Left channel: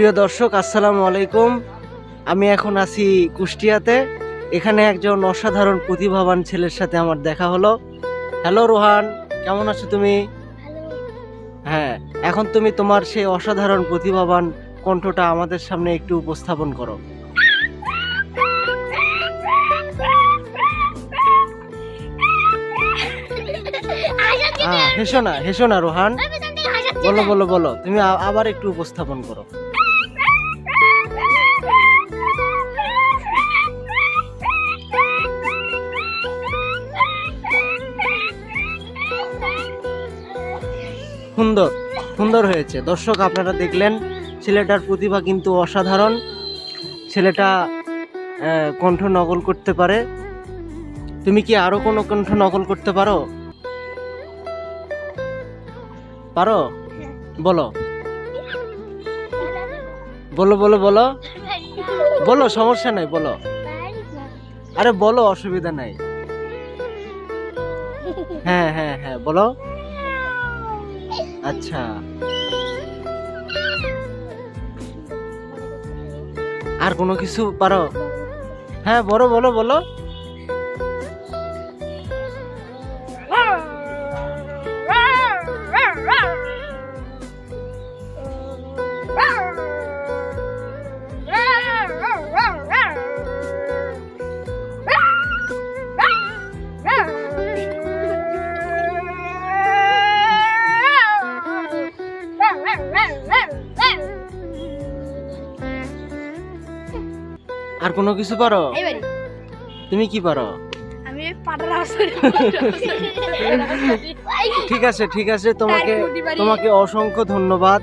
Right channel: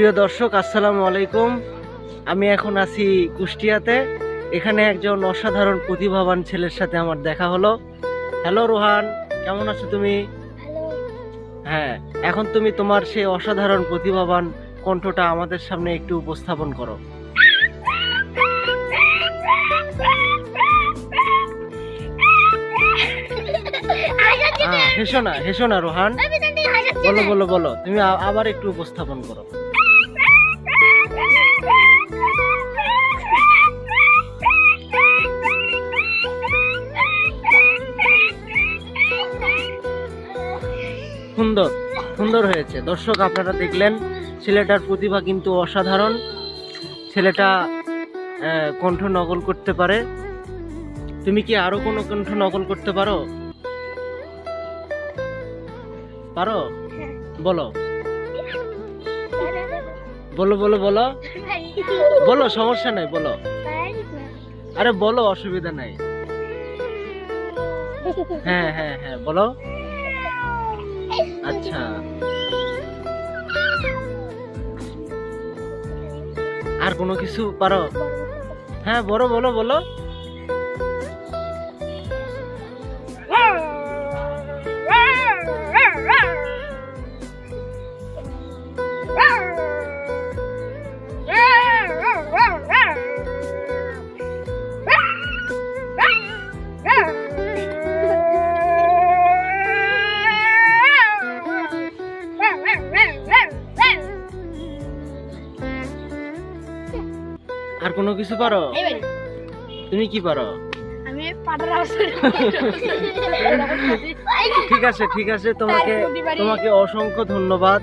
প্রিয় দর্শক, আসসালামু আলাইকুম। আমি এখন আছি কুষ্টিয়াতে। এখানে একজন অসাধারণ প্রতিভাবান ছেলের সাথে আমার দেখা হলো। হ্যালো রোহান, কেমন আছো তুমি? হ্যাঁ, এখন তুমি তোমার সেই অসাধারণ প্রতিভাবান কণ্ঠটা আমাদের সামনে একটু উপস্থাপন করো। হেসো না রোহান, বলো বলো বলো, তুমি আবার একটু উপস্থাপন করো। সুন্দর সুন্দর হয়েছে। দর্শক, আপনারা দেখলেন ছেলেটার প্রতিভা কিন্তু অসাধারণ। ছেলেটা কণ্ঠ নকল করতে পারে। তুমি কি আরো কোনো কণ্ঠ নকল করতে পারো? পারো? বলো বলো বলো বলো বলো, সমস্যা নাই, বলো। আরে বলো, অসুবিধা নাই। হ্যাঁ হ্যাঁ হ্যাঁ, বলো। আচ্ছা, আর কোনো কিছু পারো? হ্যাঁ, বলো বলো বলো। আর কোনো কিছু পারো? তুমি কি পারো? ঠিক আছে ঠিক আছে, তোমাকে অসংখ্য ধন্যবাদ।